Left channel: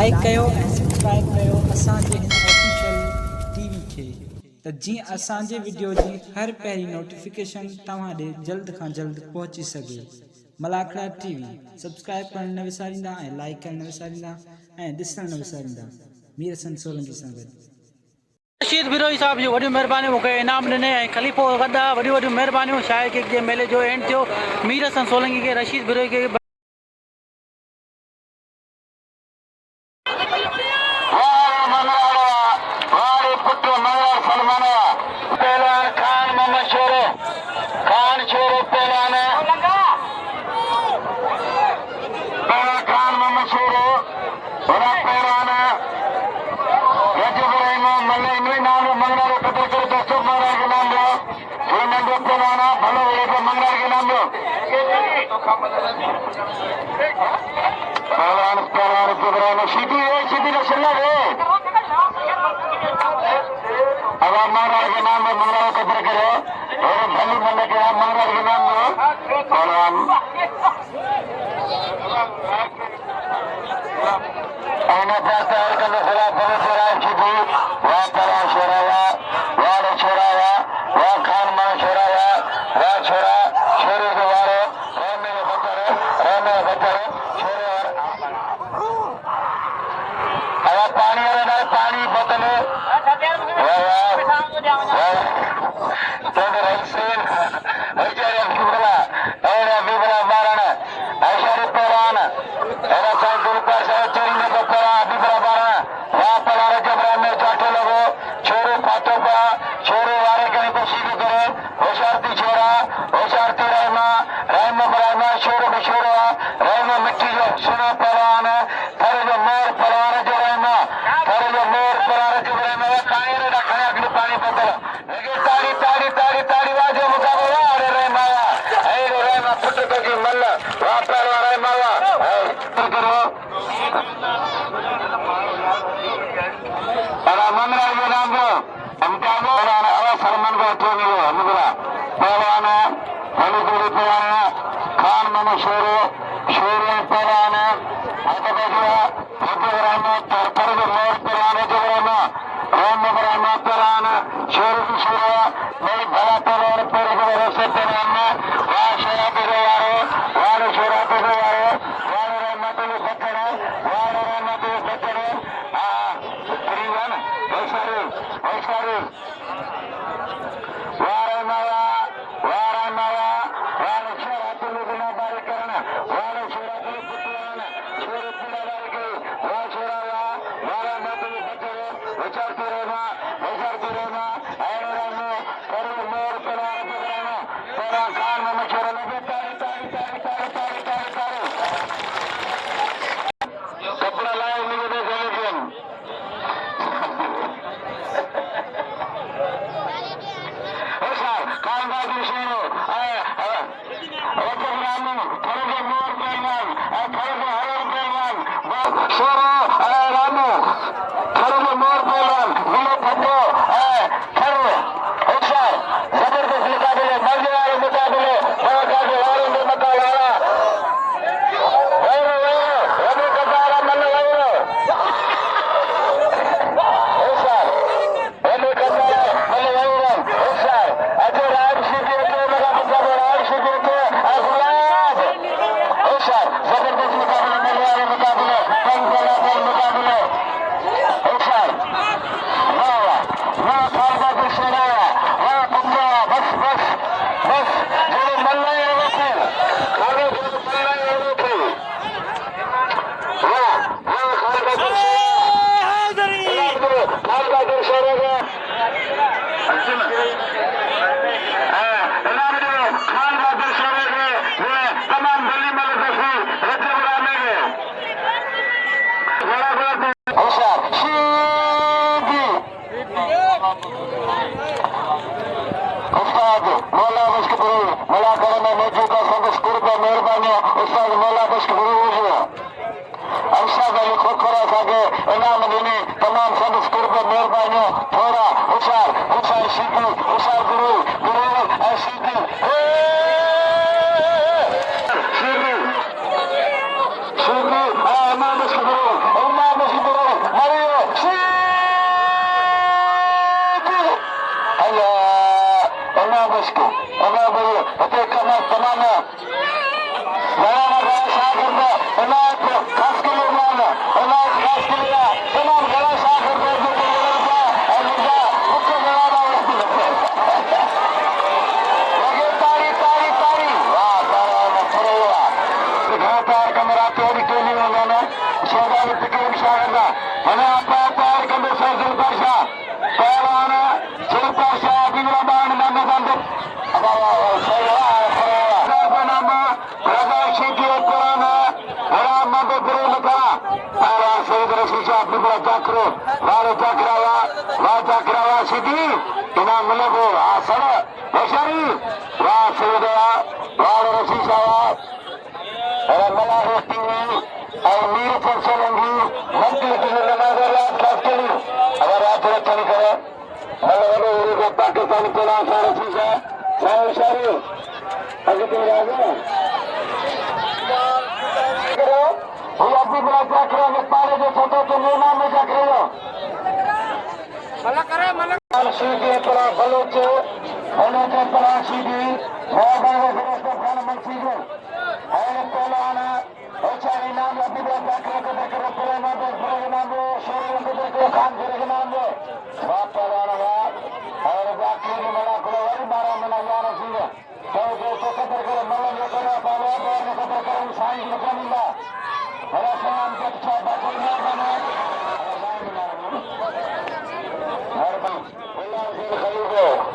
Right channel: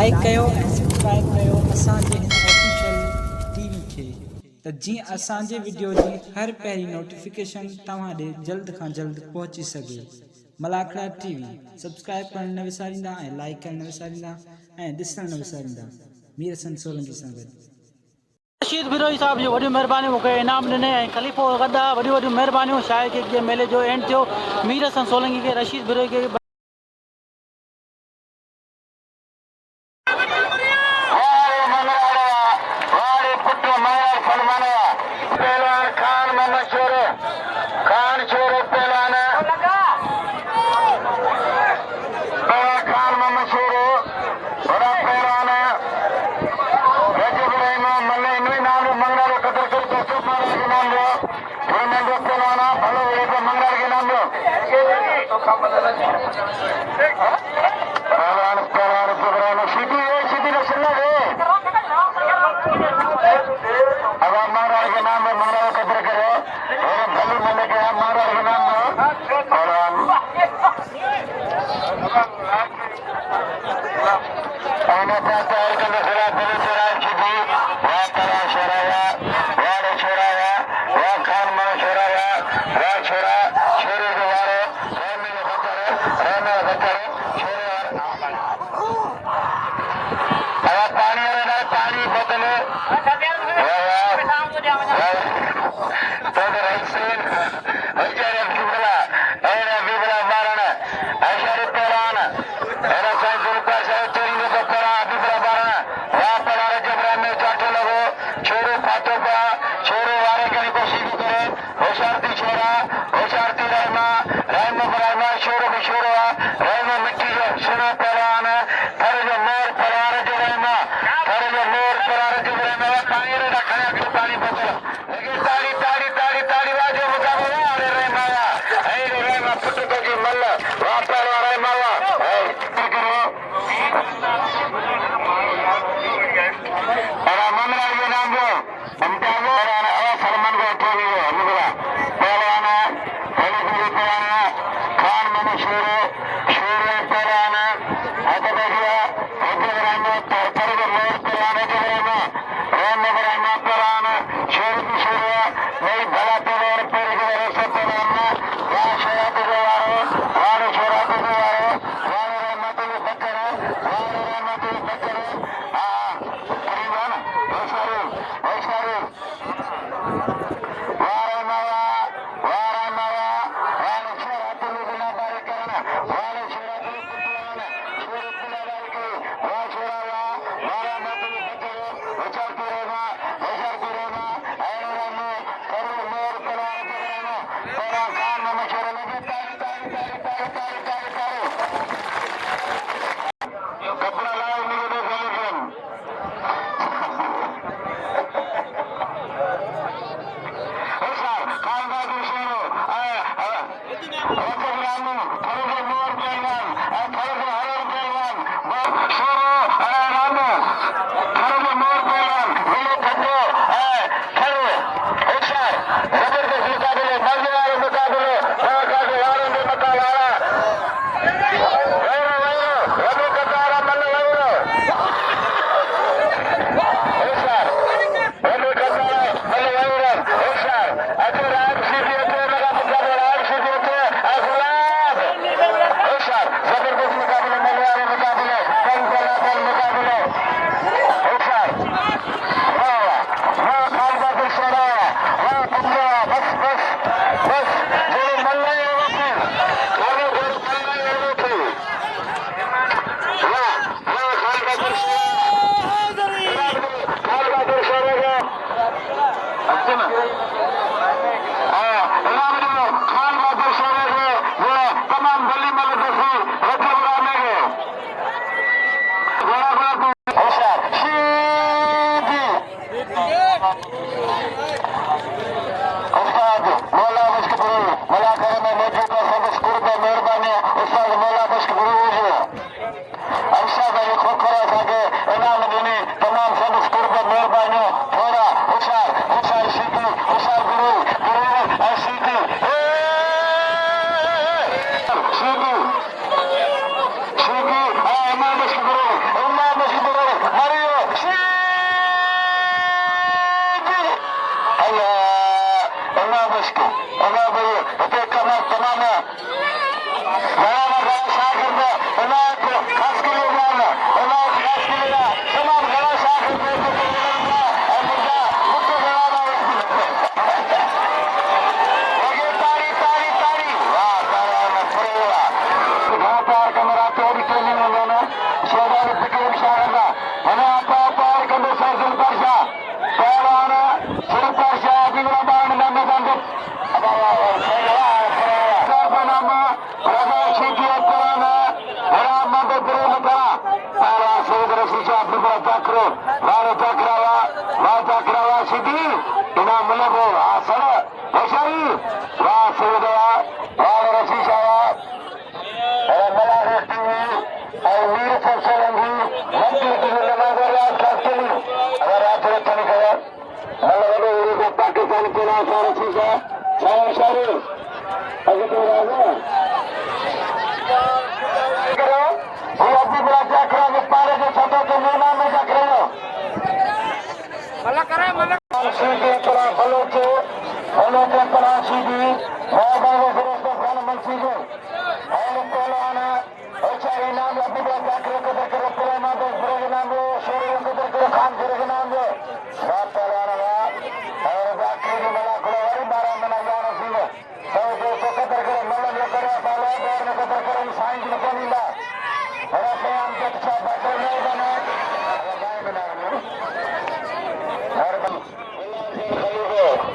Like कयो ऐं subscribe कयो असांजे हिन ऑफिशियल टीवी खे त जीअं असांजे वीडियो जी हर पहिरीं नोटिफिकेशन तव्हां ॾे जल्द खां जल्द पहुची सघे। मलाखड़ा टीवी सब्सक्राइब करण न विसारींदा ऐं लाइक करण न विसारींदा ऐं ॾिसण न विसारींदा। मीर हसन सोलंकी सां गॾु रशीद बिरोही साहब जी वॾियूं महिरबानियूं मूंखे इनाम ॾिने ऐं ख़लीफ़ो गदा वॾियूं वॾियूं महिरबानियूं। शायर किक जे मेले जो एंड थियो। मीर हसन सोलंकी खे रशीद बिरोही खे Allah başka. Allah boyu. Öte kamat tamamı. Bayana bana şakirde. Allah kaç kilo yani. Allah kaç kilo. Tamam bana şakirde. Burada mutlu beraber yapıyoruz. Tari. Vah bana pırıla. Kata kamera teori teori olana. Sodalı tıkırım şahında. Hele apa kamera sözüm parça. Bayana. Çelik parça. Dinle bağını bende bandı. Pakistan को सारा चीज है सारे अगर तो राजा करो ये अपनी बड़ा क्या करो विस्तार जो छोटा तो मेना में क्या करो मल्ला सीधी करा बलोच करा सीधी है बड़े से खाना मत सीधे और पहला आना अच्छा इनाम अपनी बड़ा क्या करो तो देखो पूरा नाम दो पूरा नाम दो शरीर को देखो खान करो नाम दो बात पहला आना और बाकी में मना करो वही 12 मना यार सीधे तो दोस्तों कदर करो मल्ला ये करा बाला और कदर करो इंसान की कदर मिला हरा से हम के अच्छा बात नहीं बने और गाय बना हर बन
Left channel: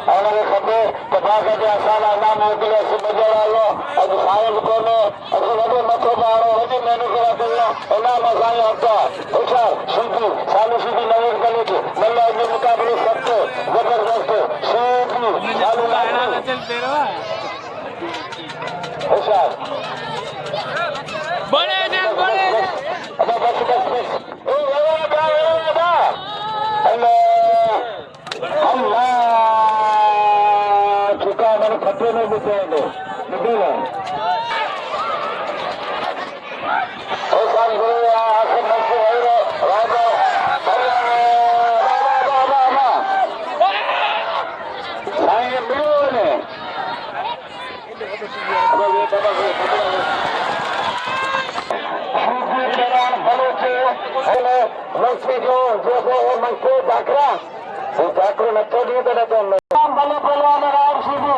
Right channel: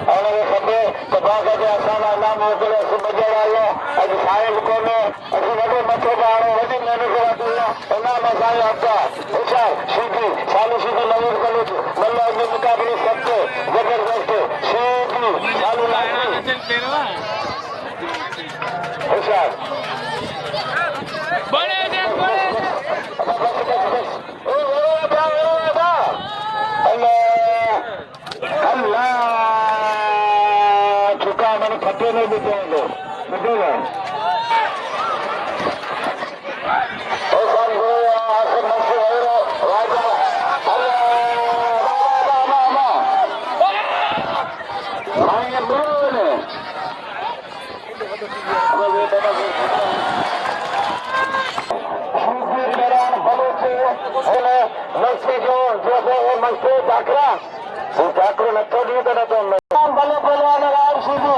हमारे खबे तबाका के आसान नाम होते हैं सुबह आया आज साइंस को में ऐसे बड़े मच्छर बाहर होते मैंने करा दिया इतना मजा आता अच्छा सीधी सालू सीधी नवीन कॉलेज मल्ला के मुकाबले सबसे जबरदस्त सीधी सालू लागू अच्छा बड़े बस ओ अल्लाह चुका मैंने खट्टे में बिताएंगे बितेगा ठाकुर नक्को दिए तो रहते हैं भले पहलवान राम सीधी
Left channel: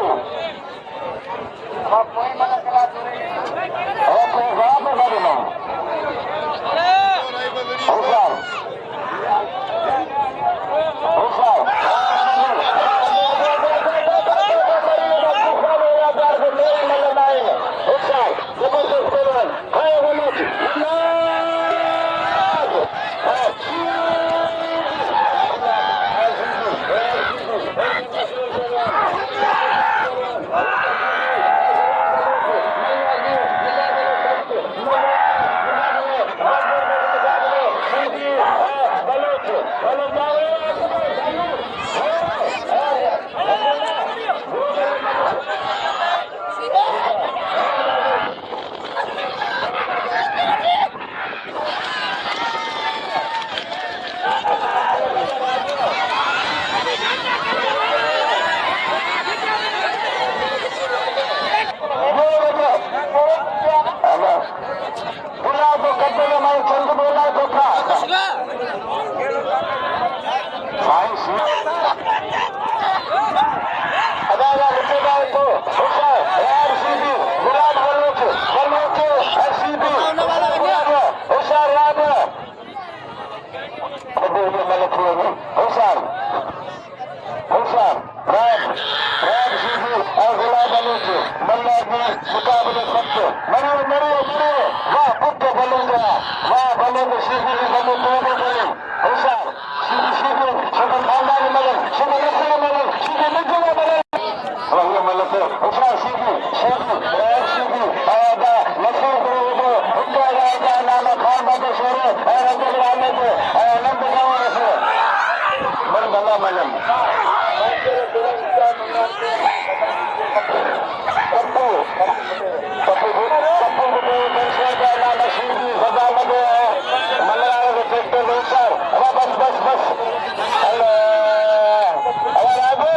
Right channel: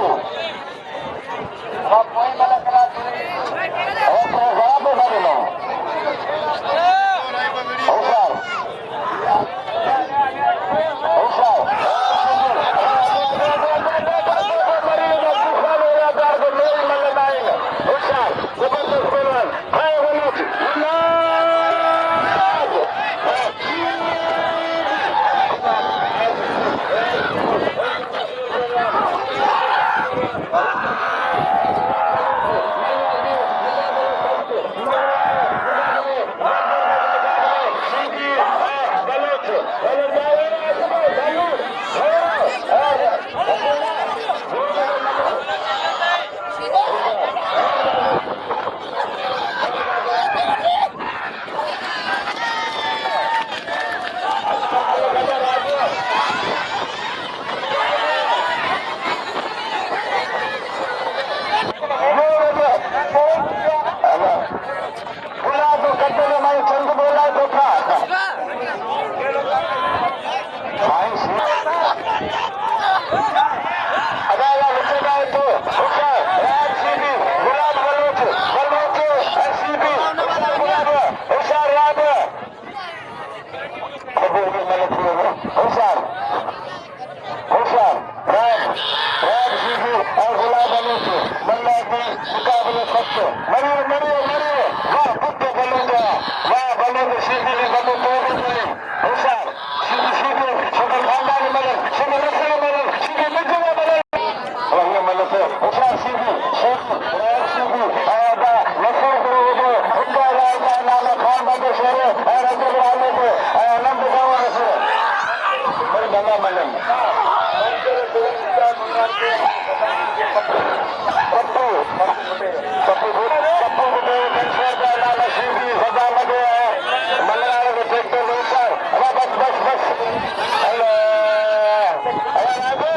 और कोई मला कला और प्रसाद भरे ना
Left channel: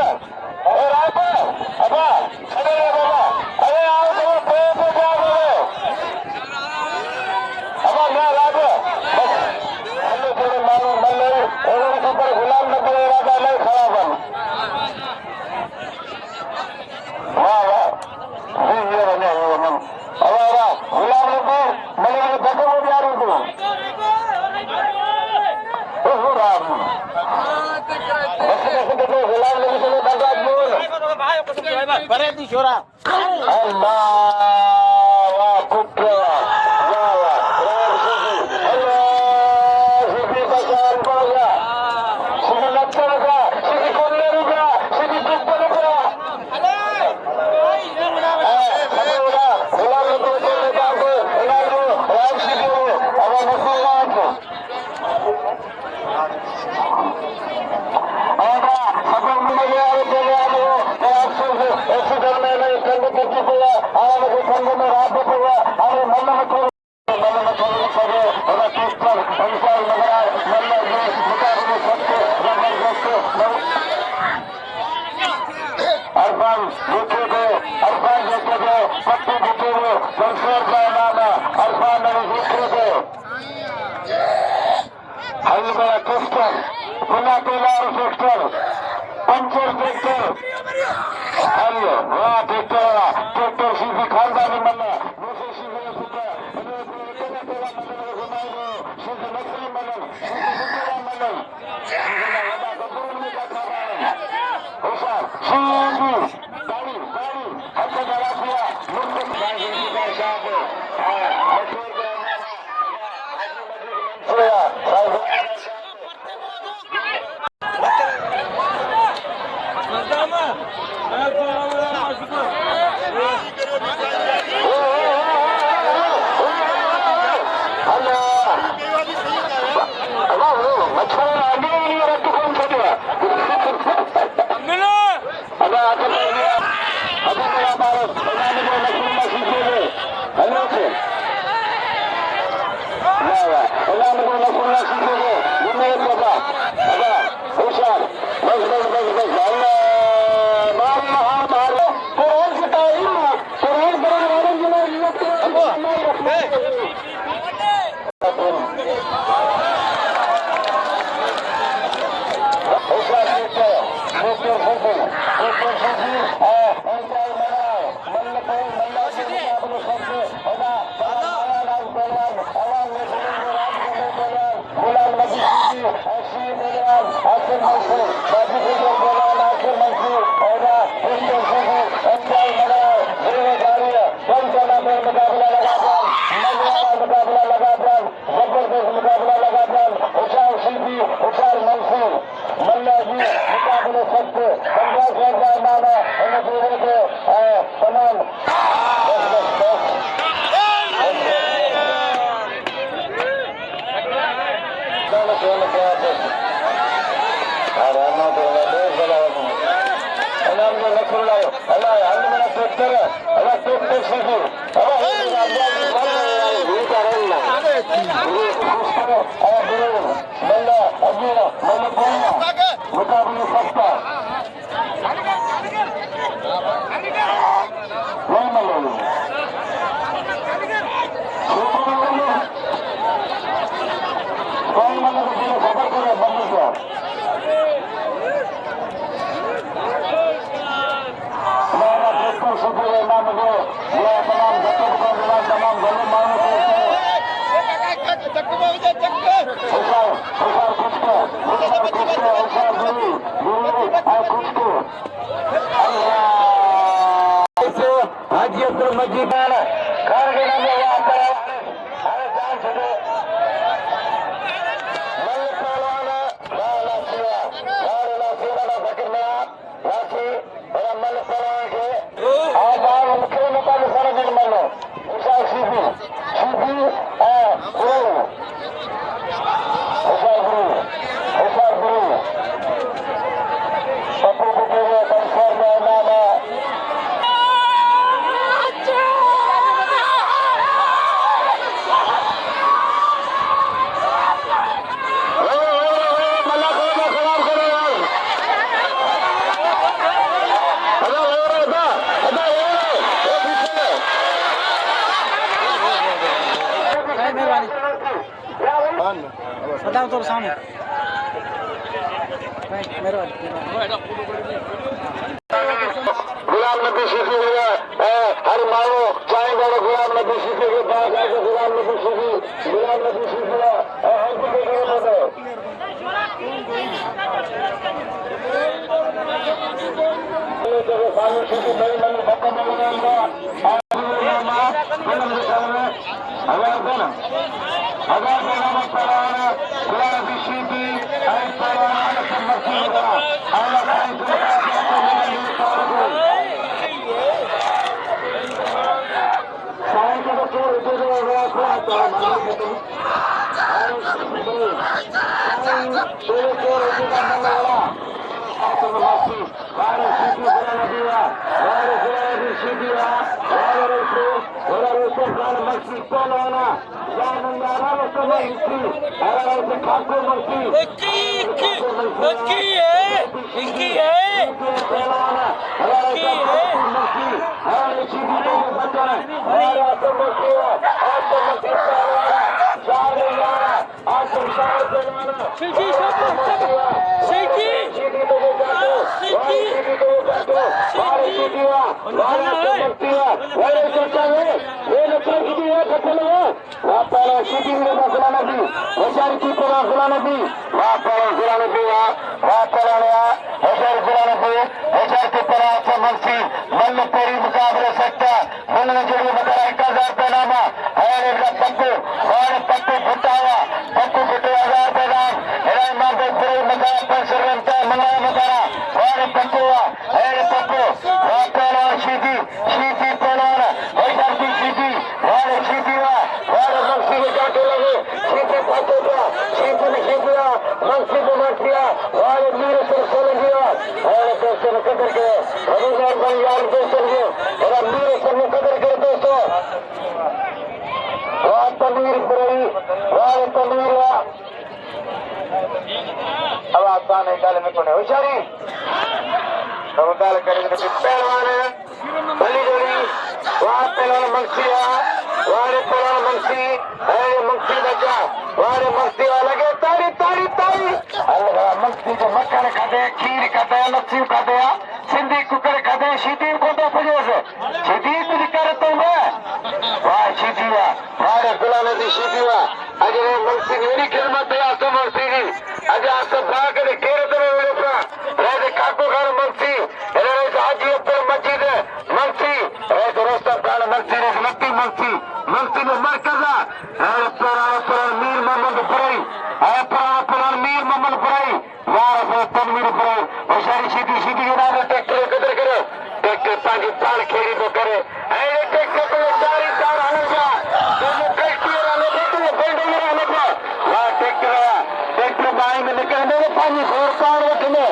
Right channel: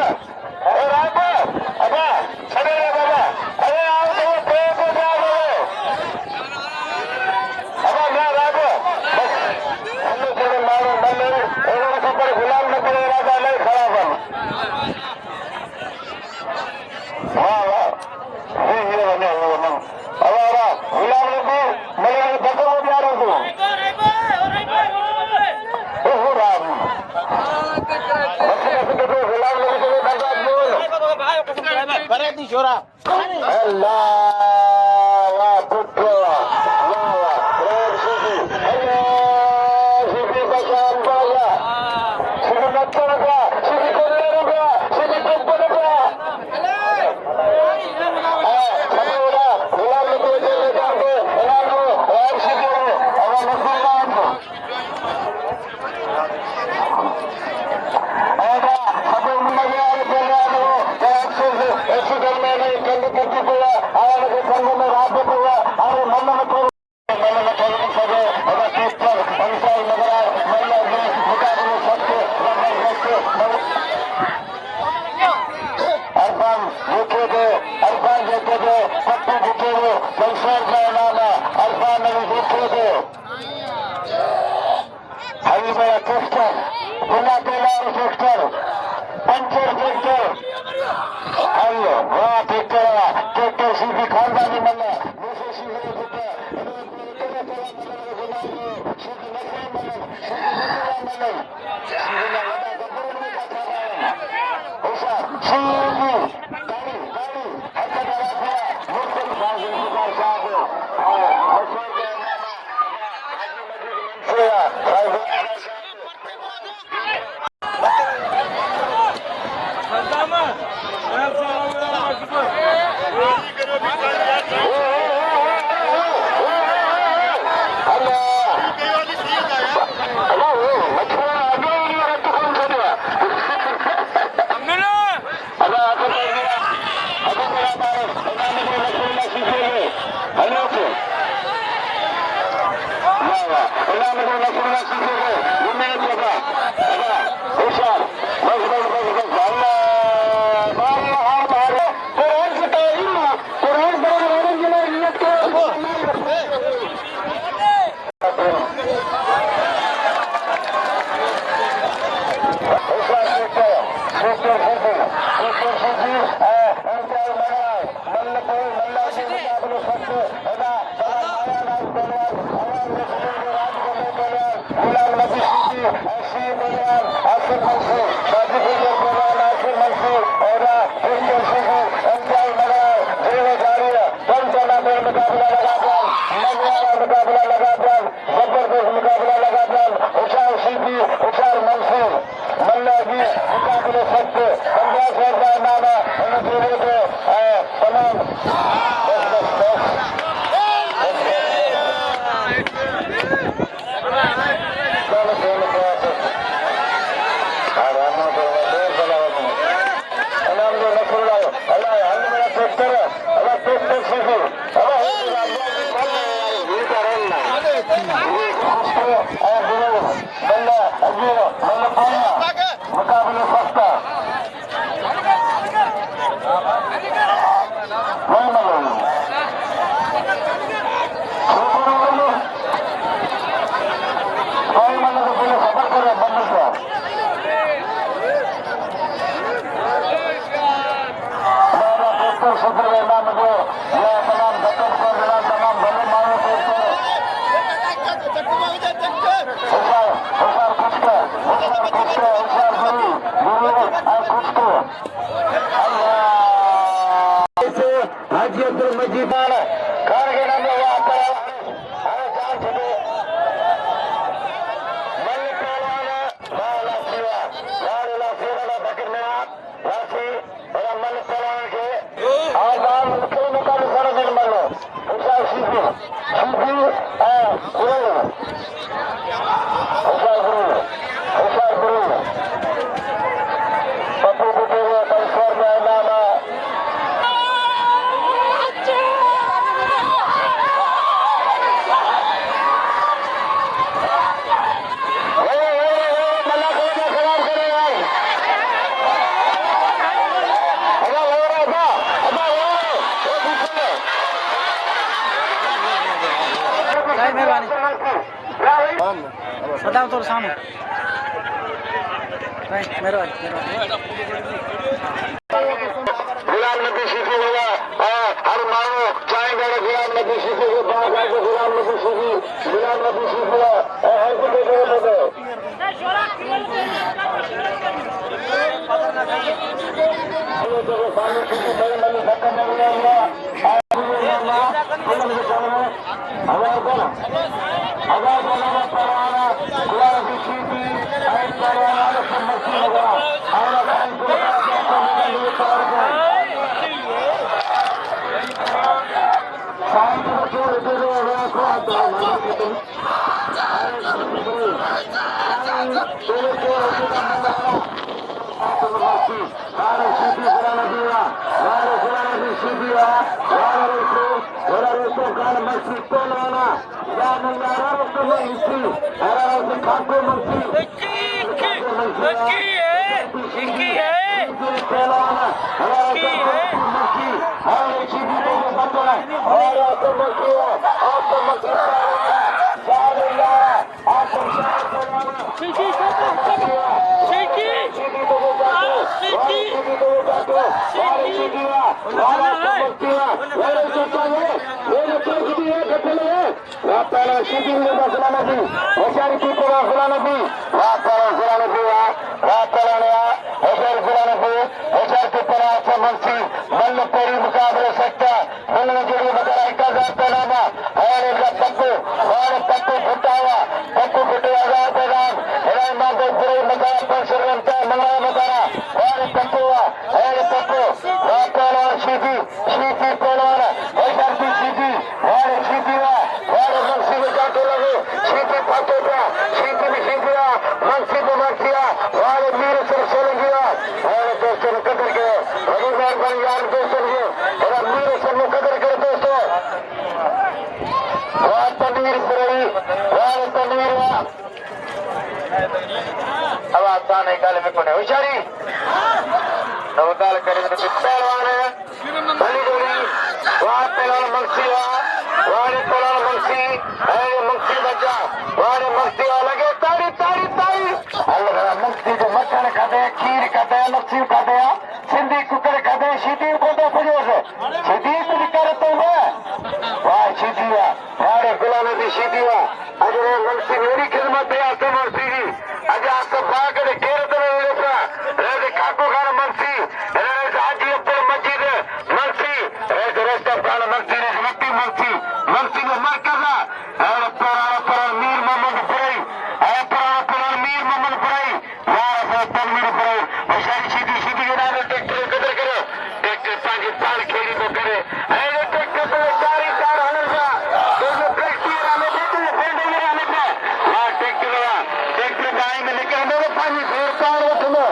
बस गुलाम नबी से धनराज बोल अल्लाह वाह पुत्र वाह वाह सीधी का चार बाया सीधी नक्कर का सीधी कोल्ले का सीधी पुष्पर का गुलाम नबी से लेकर गुलाम और सीधी अगर मुसलमान को पंचर ट्रैक्टर वाह ट्रैक्टर सीधी खानदानी मल्ला दूसरी सीधी हाजी अब्दुल मजीद वाला कारगिल में वो आता है हर जान चलो मल पहलवान वाला सेवा बकरना वासी और मल पहलवान के आजान मुख्य मुकाबले सारा दिन मल्लो उसा सीधी उसा गुरु पप्पू बुटेरे कंसर में नामा साहब मेहरबानी बताओ तो सामने भाई मेहरबानी गुलाम नबी सीखी है हर मानो चाहे बड़े गुलाम नबी सीखे के बाद आके गुलाम नबी सीखी गुलाम नबी सीखा हर जगह मुकाबले सकता जोड़ी बता 1000 रुपये नामा और पप्पू फुटा हुआ पप्पू फुटे 1000 रुपये दाम मंगला मकारा और पप्पू सीधी पहलवान सीधी और मंसी के जाते लगे सीधी पाते मंसी को मर्सिया और मीर सर सोलंगिया और दोस्तों ने कदर के रविवार बन यार दोस्तों के मीर सर ने कदर के दोस्तों तमीर पुरई तमीर अब आसान है गाले में कोने होशियारी नवकाल करेंगे पहलवान है भली जोड़ी वहां पहलवान मंसिया वारे पहलवान मंसी अरे मंसी बच्चा वारे मंसी लगे तारी अल्लाह मंसी जो मक्खन खाते खीर खाते लस्सी खाते सिंधी कुकर खाते सीधी को तो फजोस सीधी कुछ करते हैं वाह सीधी वारे गुलाम दी सीधी अजरे मंसी मेरी कीमत है आसम और सीधी अज आपको भाग के घेर दे रहा रे काको घर मंसी रे हाजी अब्दुल मजीद मंसी रे रस्ता पाल मंसी ने मंसी ने मरकजा अरे पर मीर मोहम्मद पुरई अरे मीर मोहम्मद पुरई यार तनवीर पुरई होशियारी सीधी के नाम ट्रैक्टर कदर करे ट्रैक्टर ताजी तार खेड़ी तो करे अरे ट्रैक्टर पे चार आने का ट्रैक्टर बाई में लेकर दो पानी घोर पार रखने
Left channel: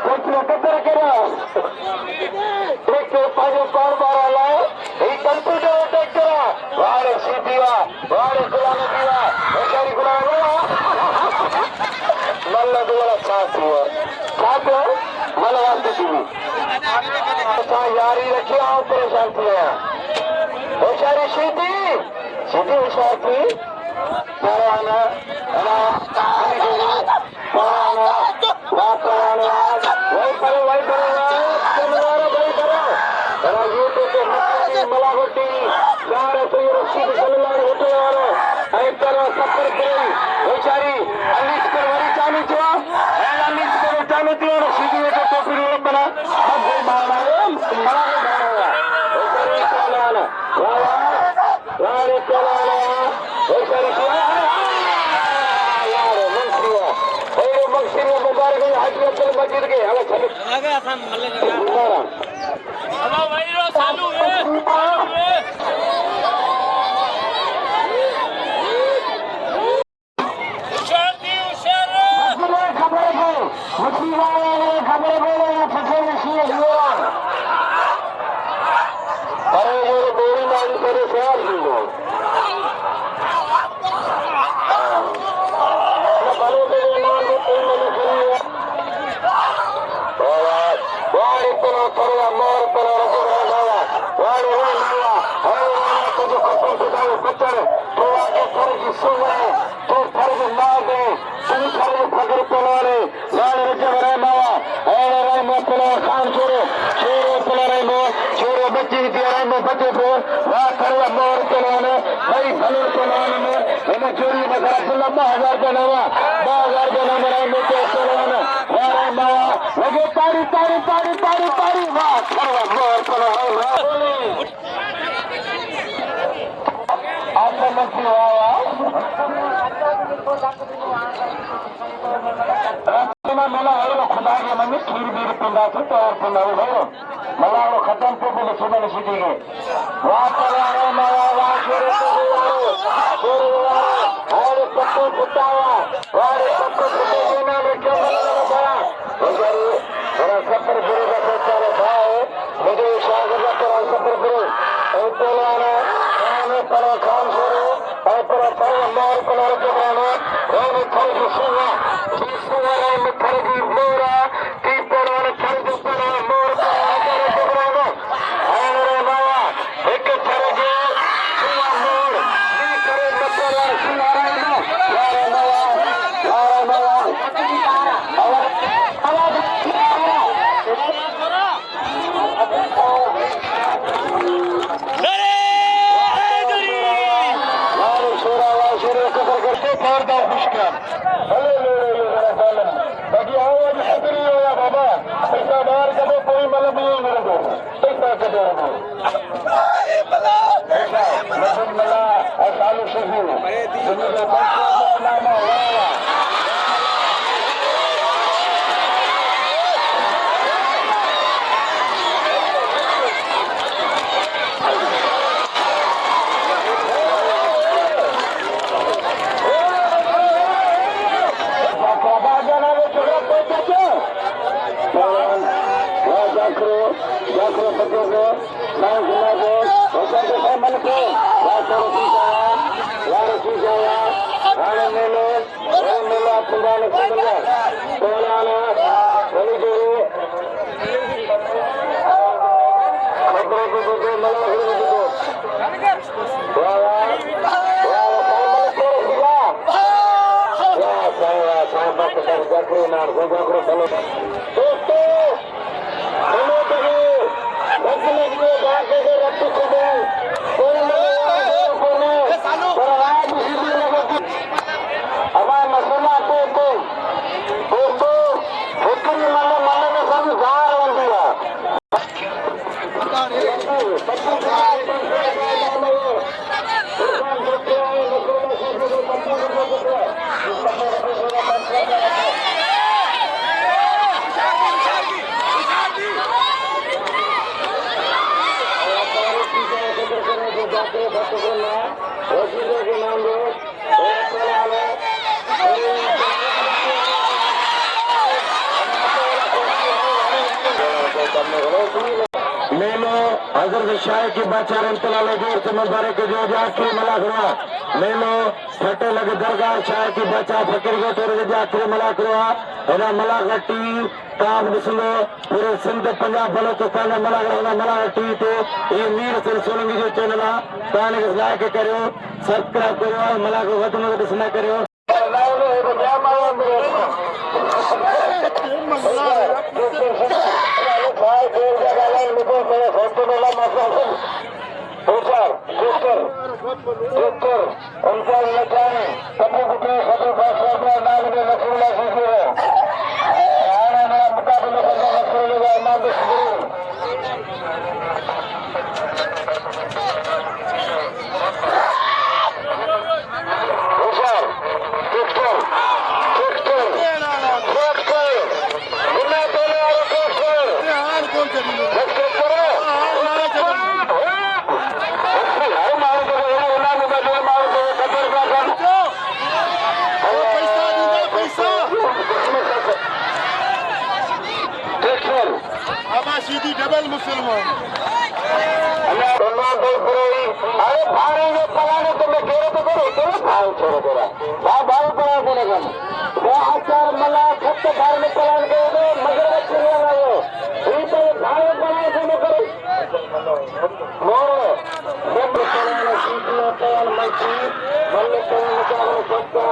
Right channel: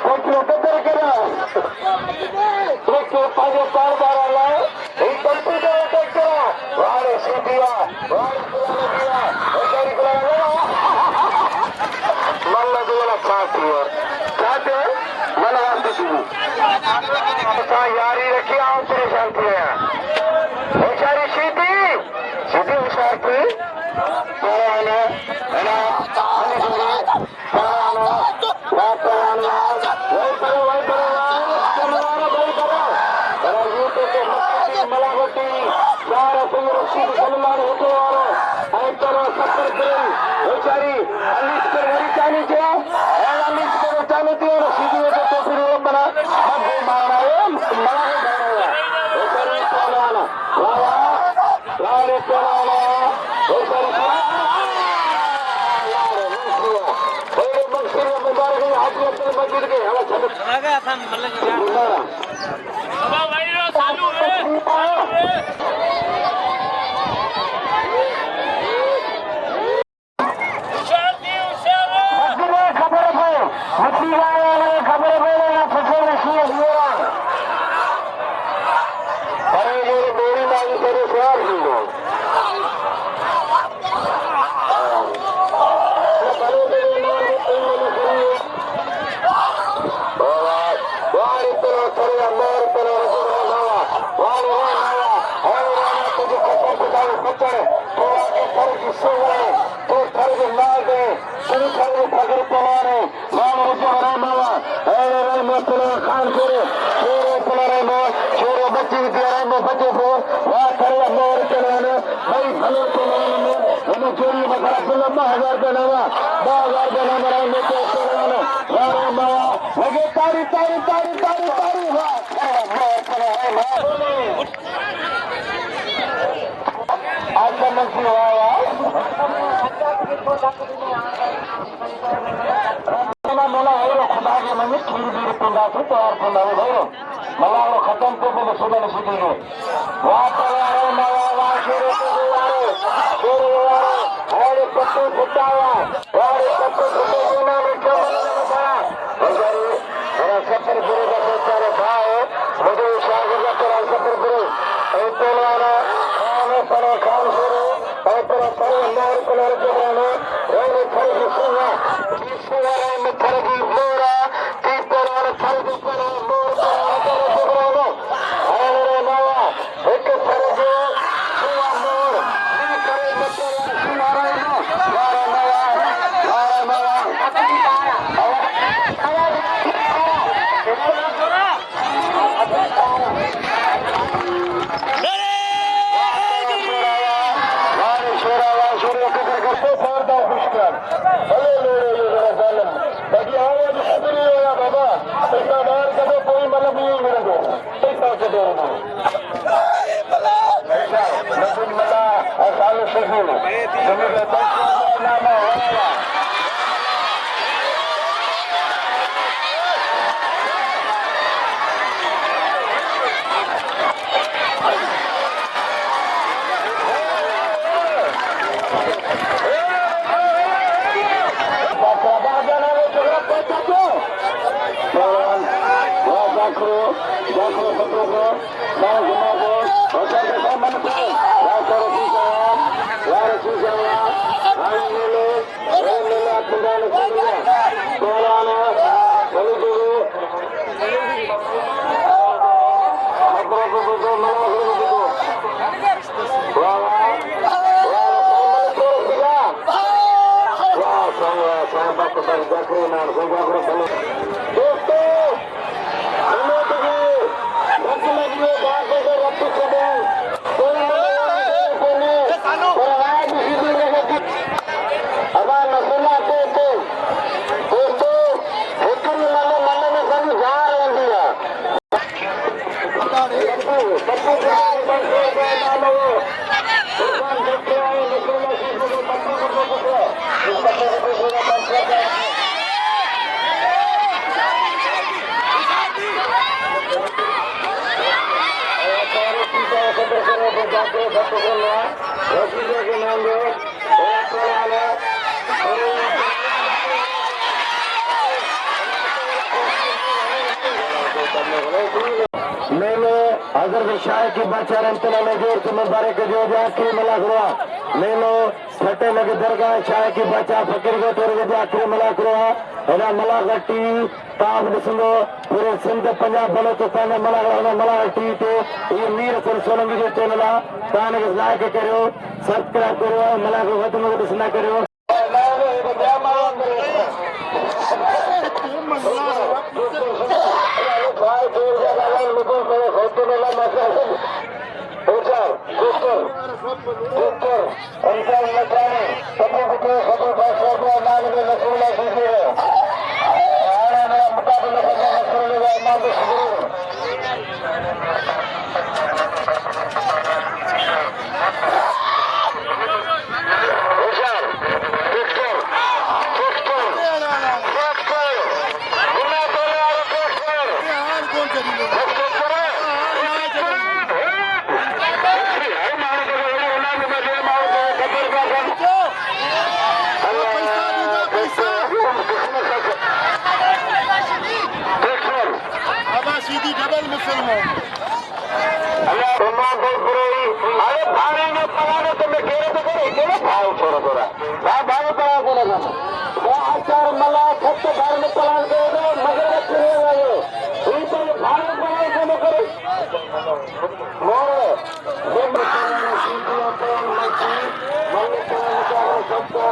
ट्रैक्टर कदर करे ट्रैक्टर पानी पार बार लाए ट्रैक्टर वारे सीधिया वारे गुलाम दिया होशियारी गुलाम मल्ला दुआला खास हुआ खाते मलवाती थी यारी रखी आओ परेशान किया होशियारी सीधी होशियार थी तारी वाह खड़ा मोर करो है आपका मंत्री आया मला आयो खुदा के मन में खीर भी पिंडा से तैयार पिंडा में भयो मला वो खत्म को भी सुबह ने सीधी है वाह चला मला वाह शेर और पत्ते फुटाया और पत्ते फुटे ना में चला बड़ा बजारी और सफर पूरे का बेचारा भाव मुझे स्वागत करा सफर पूरे ए तेरे आने पर काम करो ए तेरे पर मोर कलर के बने और थोड़ी सुना सुना में थोड़ी मोरा की पर थोड़ी पर मोर कलर के बने और बाबा एक थोड़ी सुना मोर की करे मतलब सुना रहा मारा मारा నేను అజర్ షాయకి బచ్చారంతలలో సమర్దారే के जो जाके मला करो నేను फटे लगे दरगाह शायकी बच्चा फकीर को तेरे जाके मला करो और मला गट्टी काम दिसलो पूरे सिंध पंजाब बलोचिस्तान में मला गट्टी तो ये मीर सन सोलंकी जो चैनल ताने लाइक करो सब्सक्राइब करो मला को वतन को दिसना करो सीधी डबल मुसलमान अरे भाड़े में पलाने तो मैं घेरे तो करो चलो भाव छोड़ो थोड़ा भाव पड़ा बोले हम वो आचार मला खत भाड़ में पलान के दो मगर चले आओ ये तो भाव पड़ा बोले करो मोर जब पलाने सीधी पलान में की मन पलान का सब तो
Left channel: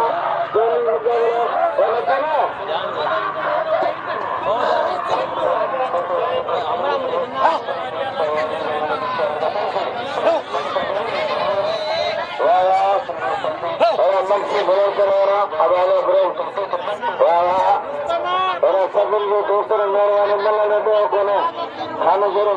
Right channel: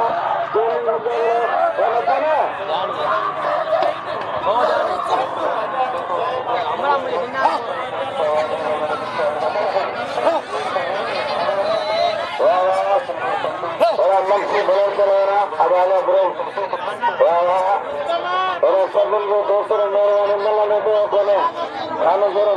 चलो मंत्री बरोबर करा हवाला बरोबर सभिनि जो दोस्तनि महिरबानी मिलण पियो कोन्हे गानो गुरू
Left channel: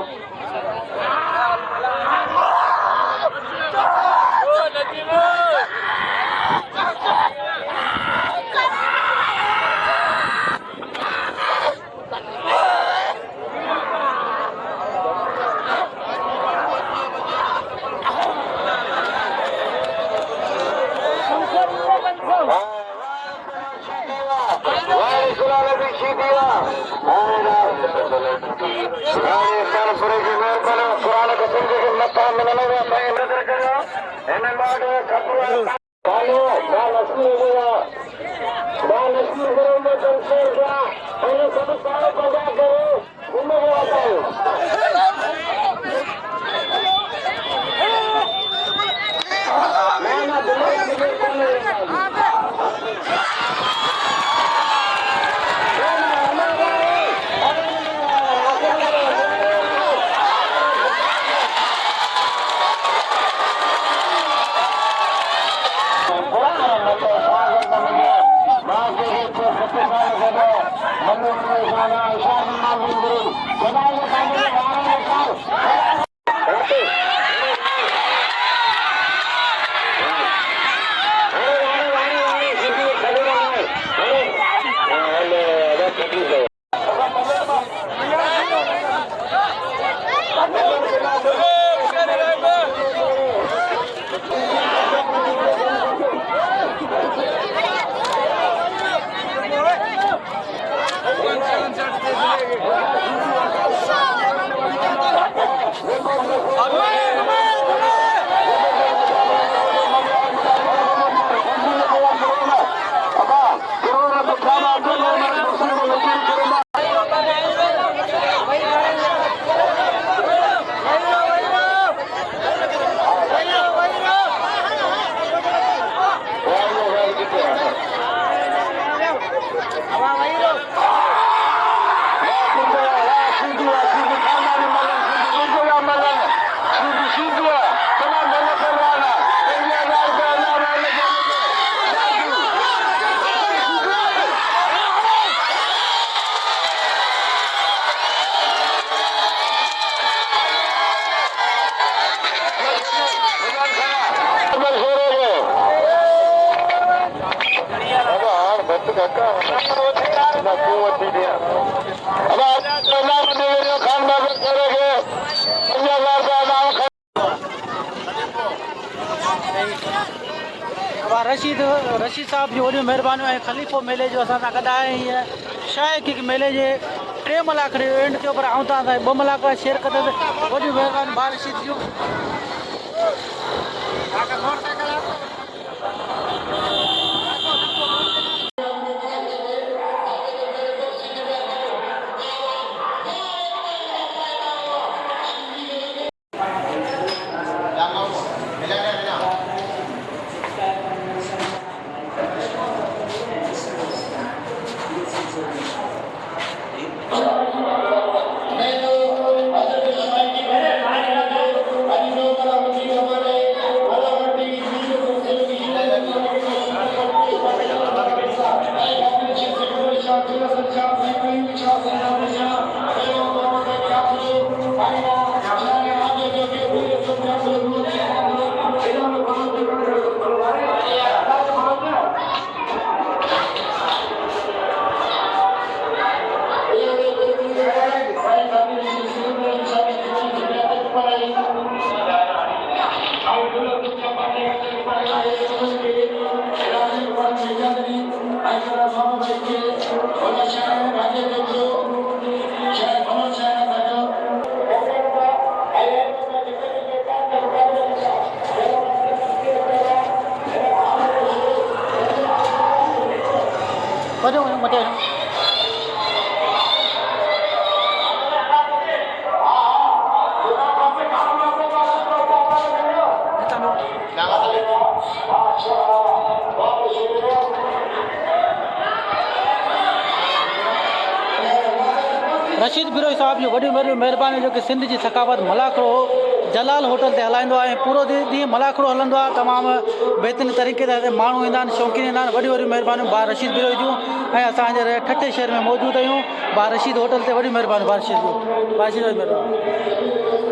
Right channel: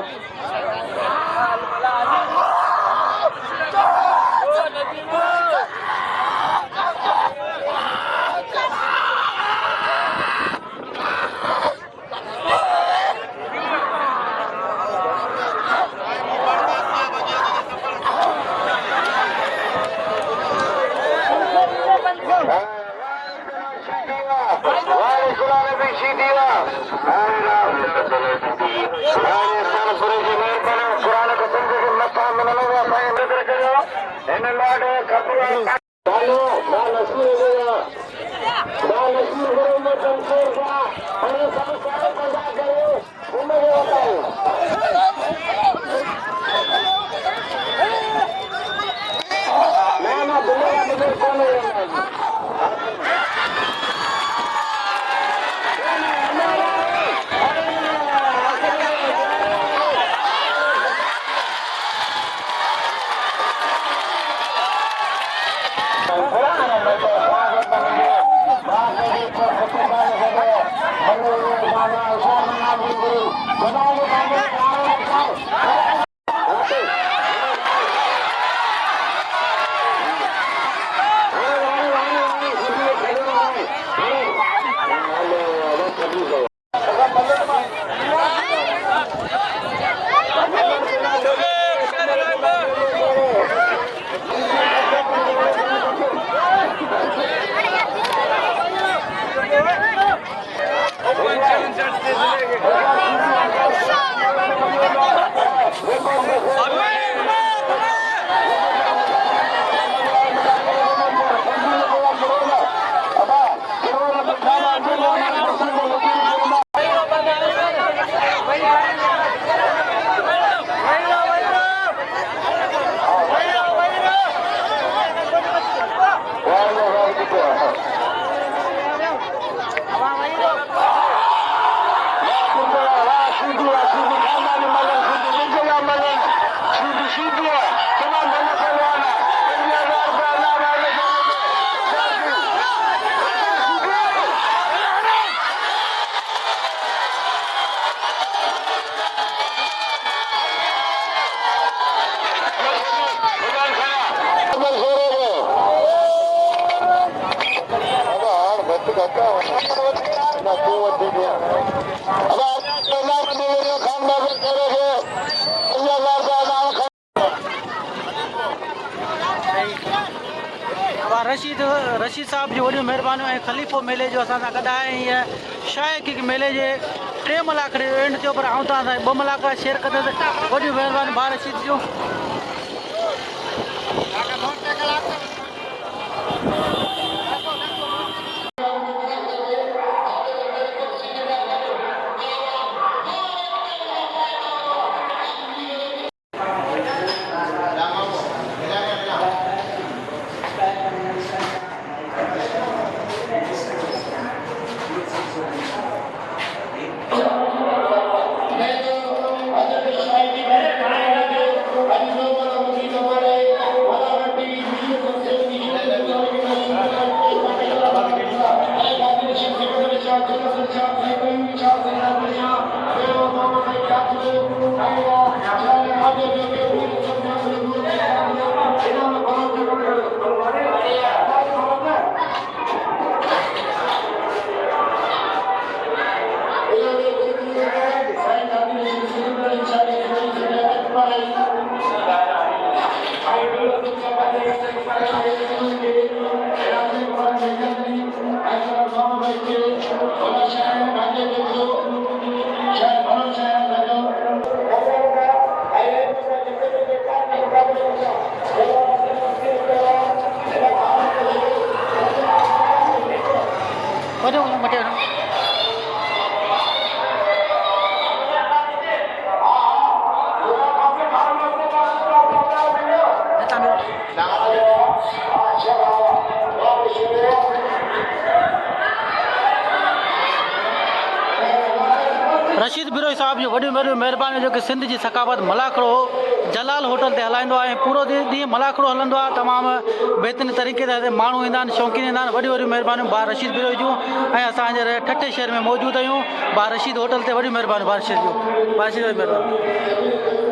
रशीद साहब जी वॾियूं महिरबानियूं ऐं ख़लीफ़ो मेले जो असां सां गॾु आहे हीअं शायद कि मेले जे 3 मलाक एंड थियो पर आऊं तव्हां सां 2 मलाक शेयर कंदुसि वॾियूं महिरबानियूं भाउ रशीद जूं रशीद बिरोही साहब जो वॾी महिरबानी जो कि सिंध जी सकावत मलाखड़ो जलाल होटल ते हलाईंदो आहे। पूरो ॾींहुं मलाखड़ो हलंदो आहे। तमामु बहितरीन तरीक़े सां माण्हू ईंदा आहिनि, शौक़ीन ईंदा आहिनि। वॾियूं वॾियूं महिरबानियूं बार रशीद बिरोही जूं ऐं असांजे ठठे शहर में मौजूदु आहियूं बार रशीद होटल ते। वॾियूं महिरबानियूं बार रशीद जूं, बार रशीद महिरबानी।